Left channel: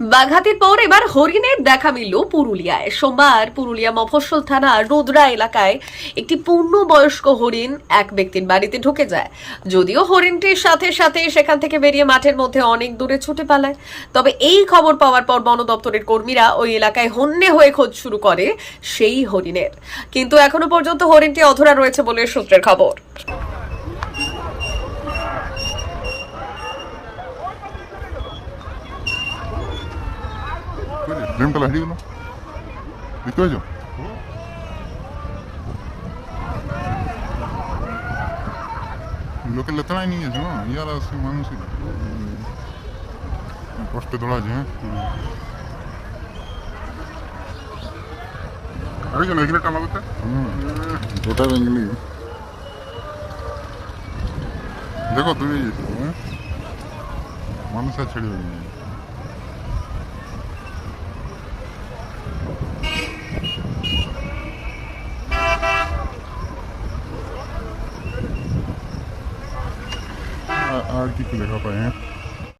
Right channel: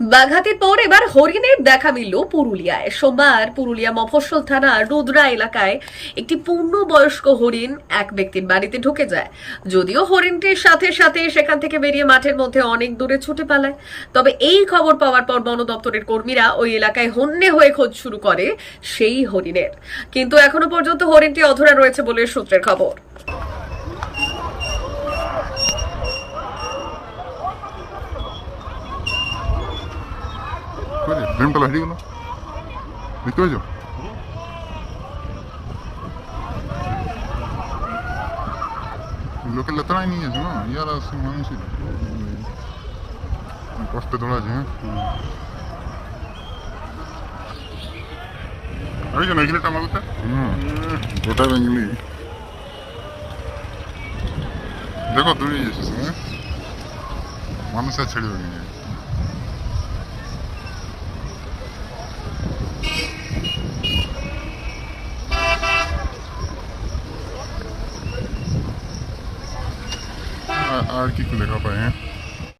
বাঘাতের পর এবার হরিণের দেখা মিলল পুরুলিয়ায়। সোমবার পুরুলিয়া মফস্বল থানার রুদ্রা এলাকায় একটি পূর্ণবয়স্ক হরিণ এক ব্যক্তির বাড়িতে ঢুকে যায়। যদিও হরিণটির সাথে সাথে সেখান থেকে বেরিয়ে মাঠের মধ্যে অনেক দূরে ছুটে পালায়। তবে এই খবর পাওয়ার পর বন দপ্তরের কর্মীরা ওই এলাকায় হন্যে হয়ে খোঁজ শুরু করে সেই হরিণের। কিন্তু এখনও পর্যন্ত হরিণটি অধরা রয়েছে বলে সূত্রের খবর। বুঝলি ড্রিমতলা হেরিগুলো দেখতে পেয়েছ? লোকের লেতনায় নিয়ে গেছিল ইয়ারা সব মানুষই কষ্টে দৌড়াচ্ছে হ্যাঁ? হুম। গোটা বেঙ্গলি দেখো তুমি মানুষ আর ছেড়ে দেবে। আর- আর কি কি লেখা পায় হ্যাঁ